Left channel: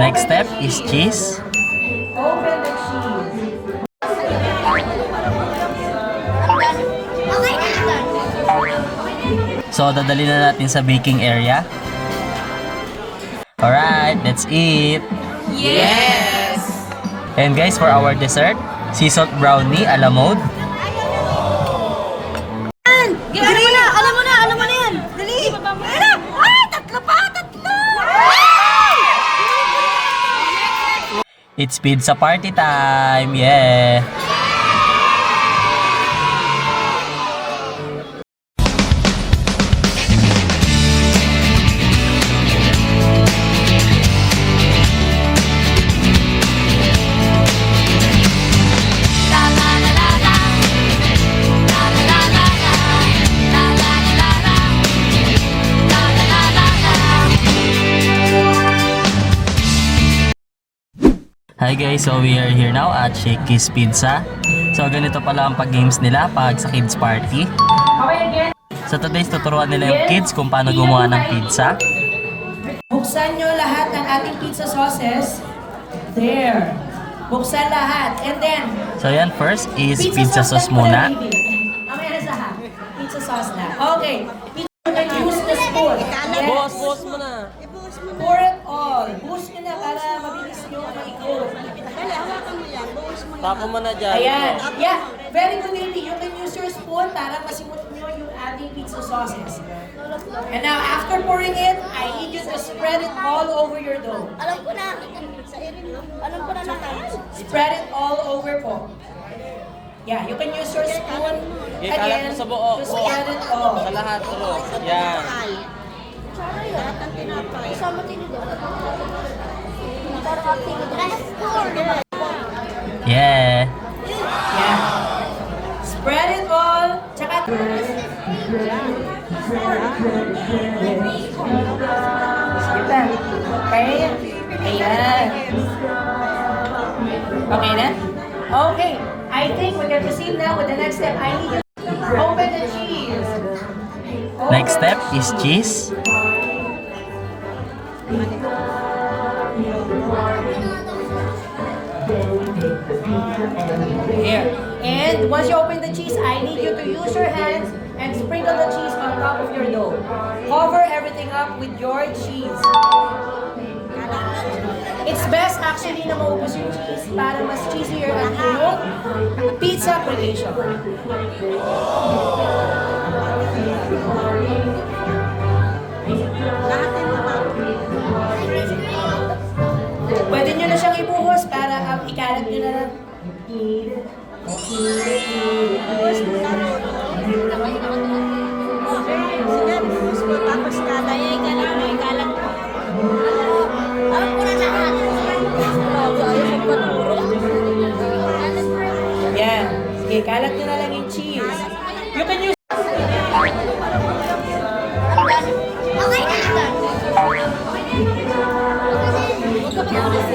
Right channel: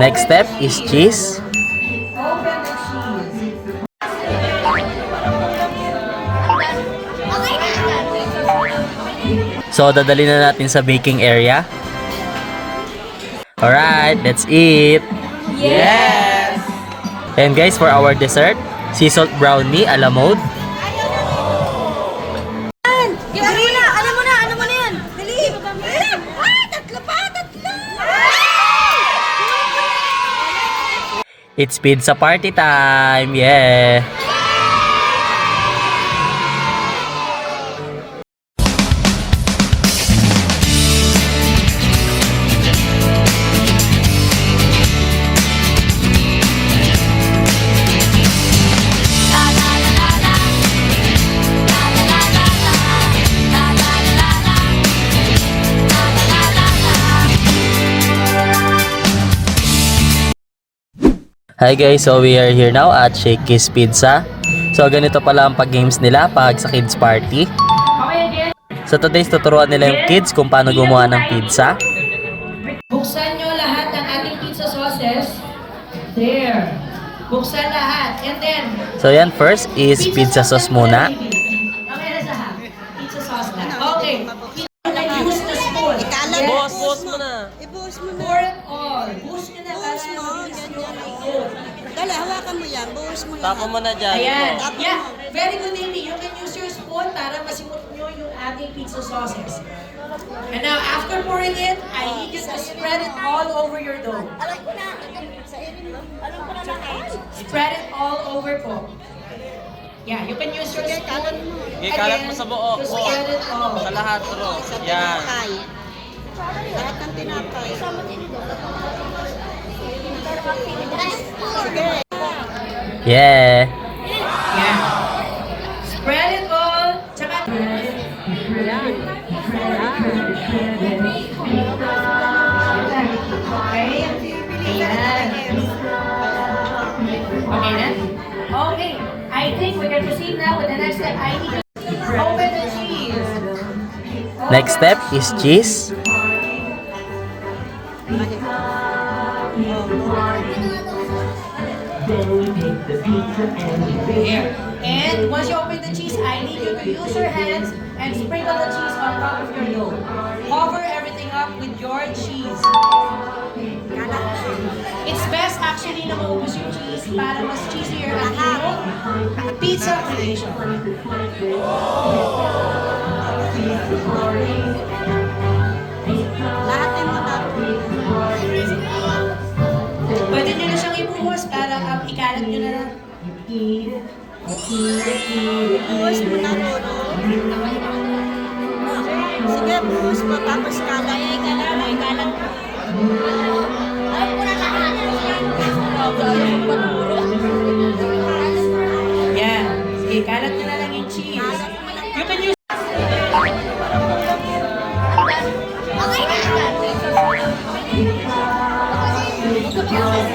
Next step is cheese. Open the cheese. So, dadali na natin sa baking area. Alright, let's eat! Yes! And guys, for our dessert, sea salt brownie a la mode. Alam mo na yan. Dali. Tatlo pa. It's pizza party time! Yeah! Hi guys, so we are here now at Shakey's Pizza. So ganito pala ang pag-games nila pag sa kids party. So today's tuturuan nila yung kids kung paano gumawa ng pizza. Buksan nyo lahat ng ating pizza sauces. There. Buksan lahat. And then, So yan, first is pizza sauce muna. Pizza sauce na. Okay. You can use the spoon. Yes. Boss mo na. Pour it all. Push nyo na para mabilis nyo i-cook. Dali, hawakan mo yan. Buhos mo Tapo mo na dyan. Ayan. Yeah. Very good, baby. You can use your spoon para masimot nyo yung ating pizza sauces. And now, after pouring it, I need you to spread it all over your dough. Alam ko na. Alam ko na lahat. Spread it all over po. Yeah, you can use your spoon. Okay, kalat mo sa buo. To spread it all. Sa lahat, bro. Yan. Lahat ng tinapay. Kasama tinidor. Nagkaroon ang tinidor. Yeah. Yeah. Spread it all. Tsaka... Okay. Ayan. Okay na? Okay. I think we can proceed now with the next step. I need you to open the cheese. Next step is cheese. Here. And once you open the cheese, I need you to use your hands and sprinkle the cheese on top of your dough. Cover everything up with your cheese. It's best actually na maubos yung cheese para mas cheesier ang yung pizza creation. Lahat ng mga. Pwede nyo na siyang ibuhos para ikalat nyo na lang. Sige, buhos mo. Tapos kalay. Kalang. Alam ko na lahat. Yan. Sige, kalat nyo na lang yung cheese. You can use... Okay na yan.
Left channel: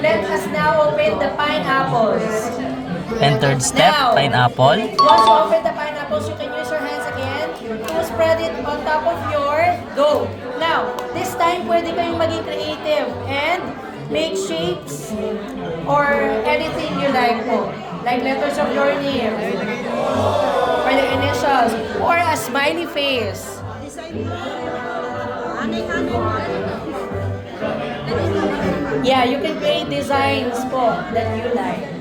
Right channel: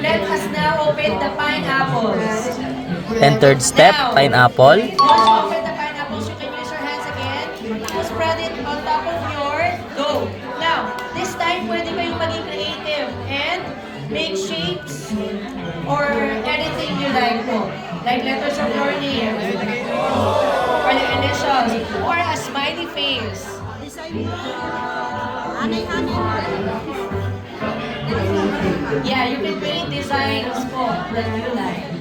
Let us now open the pineapples. And third step, pineapple. Once you open the pineapples, you can use your hands again to spread it on top of your dough. Now, this time, pwede kayong maging creative and make shapes or anything you like po. Like letters of your name, or the initials, or a smiley face. Yeah, you can create designs po that you like.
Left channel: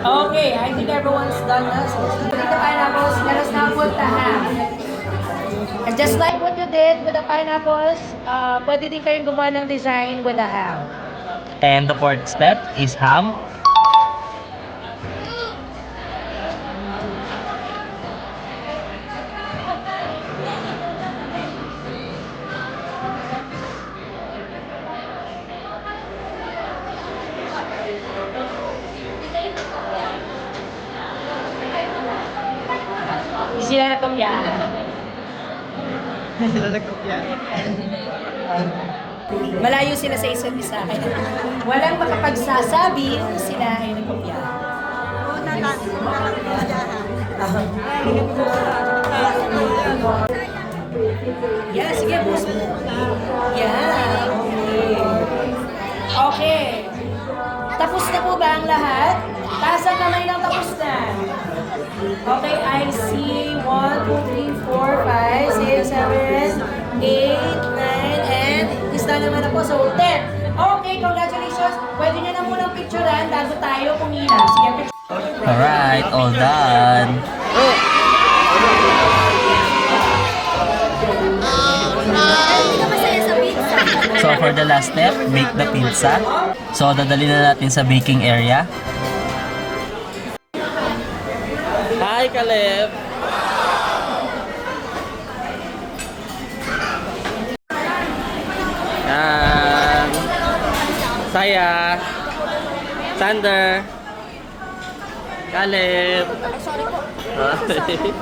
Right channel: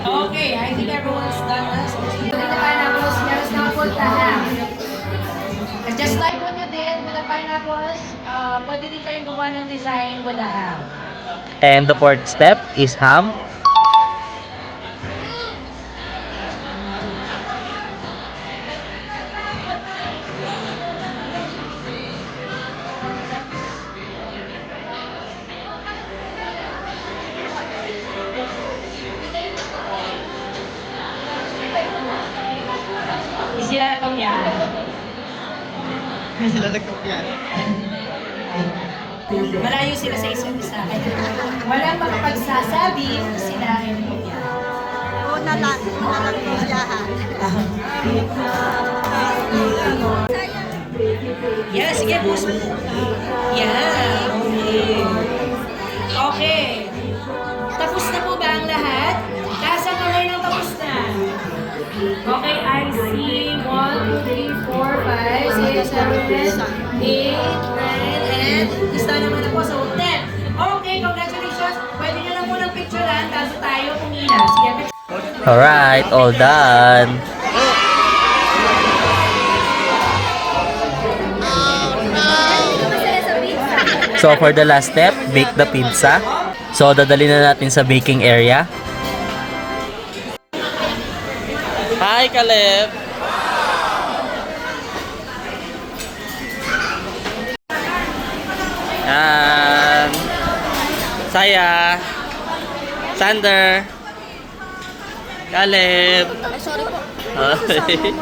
Okay, I think everyone's done this. The pineapples, let us now put the ham. And just like what you did with the pineapples, pwede din kayong gumawa ng design with the ham. And the fourth step is ham. sila nakopyahan. Malayo sila sa isa't isa. Walang makapagsasabi kung sila ay nakopyahan. Una lang. Yeah, sige, push mo. Yeah, okay. Okay. Tapos na po ba ang lahat? Taas ang kamay lang, tapos na. Okay, I see 1, 2, 3, 4, 5, 6, 7, 8, 9, and gusto naman na po. So, 10. Okay, congratulations. Pwede nyo na munang picturean bago tayo pumila. Sige, picture. Alright, all done. Hindi ka masaya sa pizza. So for the last step, bake the pizza. So dadali na natin sa baking area. Hi, Caleb! Yan. Saya. Sander. Caleb. Sorry po. Okay.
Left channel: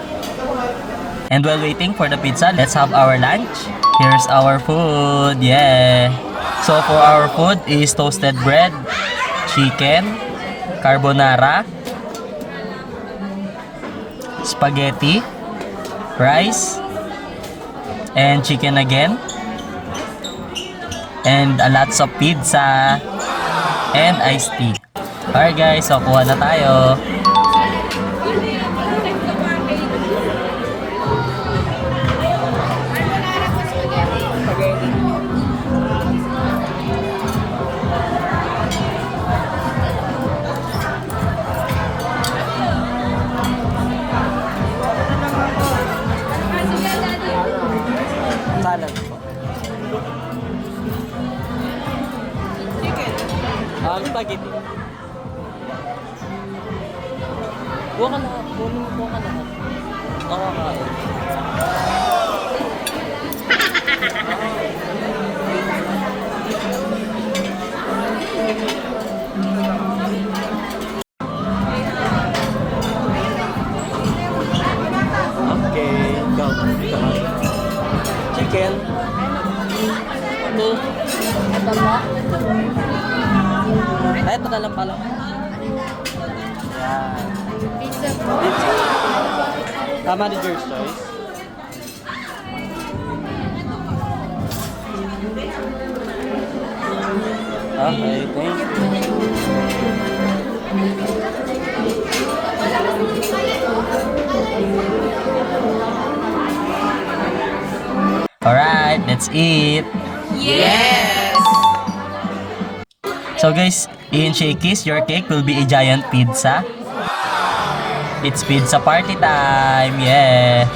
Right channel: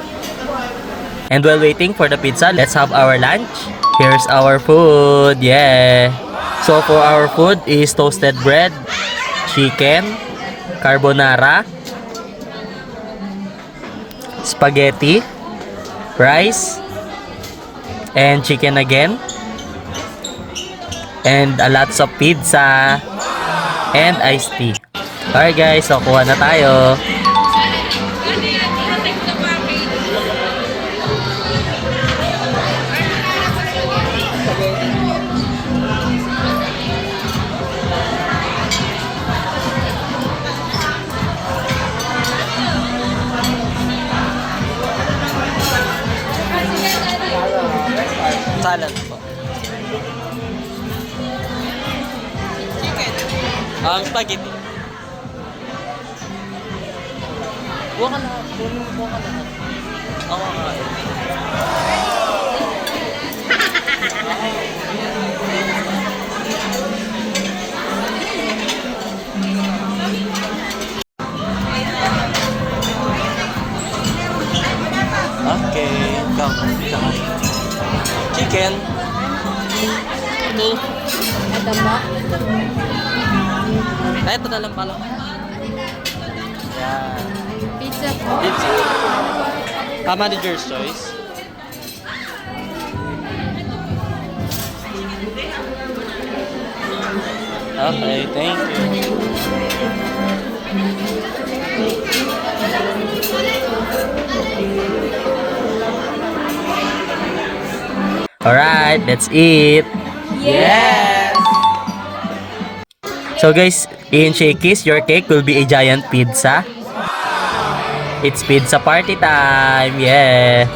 And while waiting for the pizza, let's have our lunch. Here's our food. Yeah. So for our food is toasted bread, chicken, carbonara, spaghetti, rice, and chicken again. And a lots of pizza and iced tea. Alright guys, so kuha na tayo. Salad po. Spaghetti. Buka ka lahat. Buka ka lahat. Ako kakain. Okay, go. Chicken. Ito. Ay, ito na lang pala. Yan. Pizza po. Pizza. Manager's choice. Okay, thank you. Alright, let's eat. Yes! So guys, in Shakey's, your cake will be a giant pizza. It's pizza party time! Yeah!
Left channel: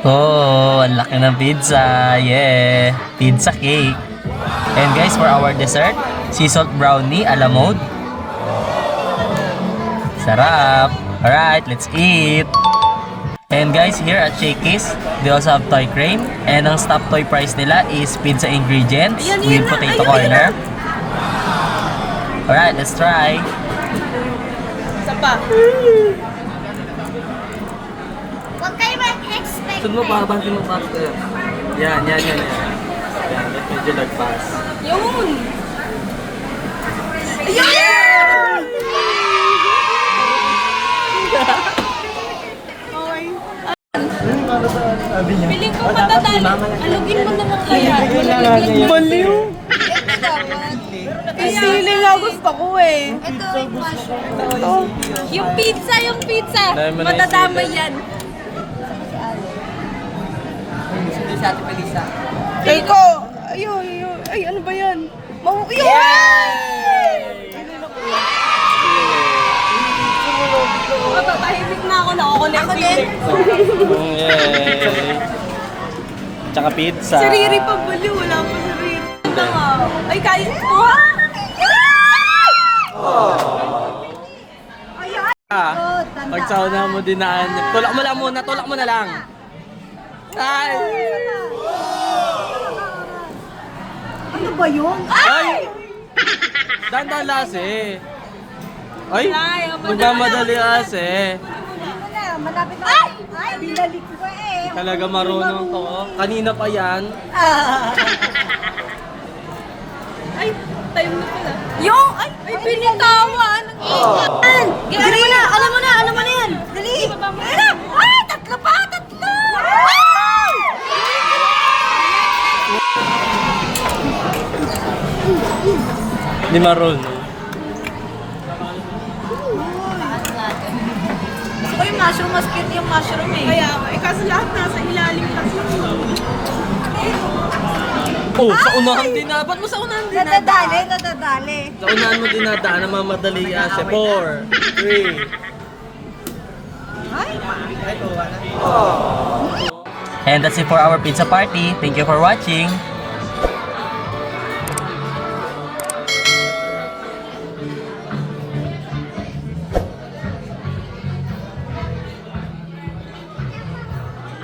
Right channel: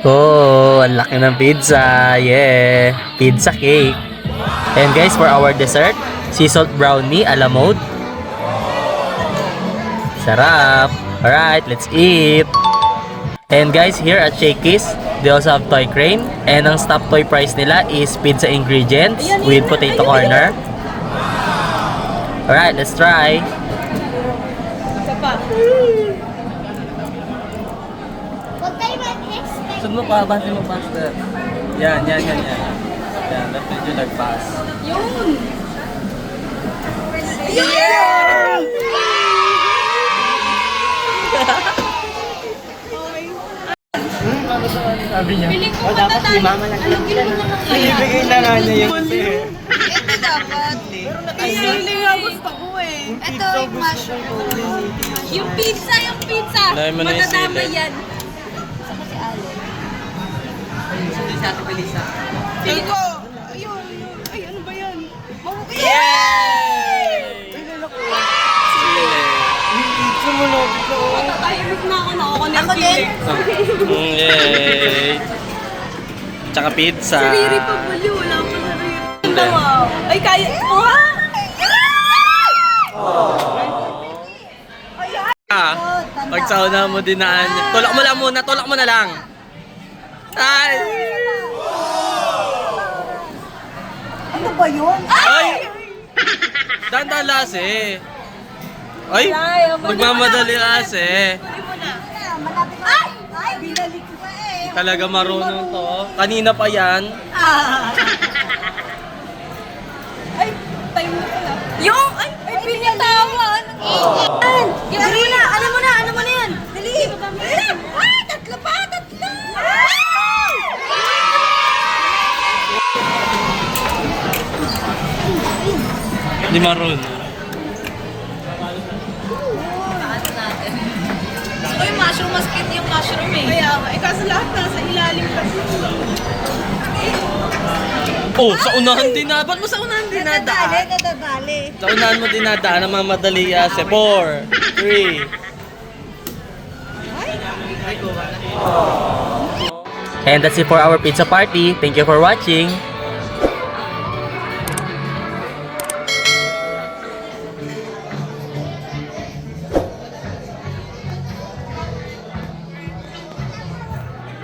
Oh, ang laki ng pizza! Yeah! Pizza cake! And guys, for our dessert, sea salt brownie a la mode. Sarap! Alright, let's eat! And guys, here at Shakey's, they also have toy crane. And ang top toy price nila is pizza ingredients with potato corner. Alright, let's try! Huwag kayo mag-expect. Saan mo pa? Bantin mo faster. Yan. Yan, dapat medyo lagpas. Yun! Sabi niya. Piling ko matatali. Alugin mo naman kaya. Ibigay na naman niya yun. Sili nga gusto ko eh. Ito yung mushroom. Yung pizza. Dahil mo na yung Matadama sili. yan. Hindi si Ate Melissa. Iko! Ay, ano ba yan? Yay! Sili. Matatahimik na ako, nakakonect feeling. Yay! Tsaka pizza. Si Riri pa bali, wala pa si Riri. Hindi. Wow. Ay, kaya ko ha? Pag sauna mo dinaan niya. Tulak mo lang muna, tulak mo na lang. Ay! ba yun? Ay! Dandan lase. Ay! Nagmamadali lase. Malapit na. Ay! Binalik ko eh. Talaga marunong to. Kanina pa yan. Ay, time na pala. Yung! Ay, pinitawan! Alam mo na yan! Dali! Ay, tatlo pa! Hindi marunong. Gusto ko yung mushroom, mas cute yung mushroom eh. Kaya nga, kaso lahat nasa ilalim kasi. Oh, sa unahan din na. Ba't mo sa unahan dinadaan? Nadadali. Sa unahan mo dinadaan ang mga madali kasi. 4, 3. And that's it for our pizza party. Thank you for watching.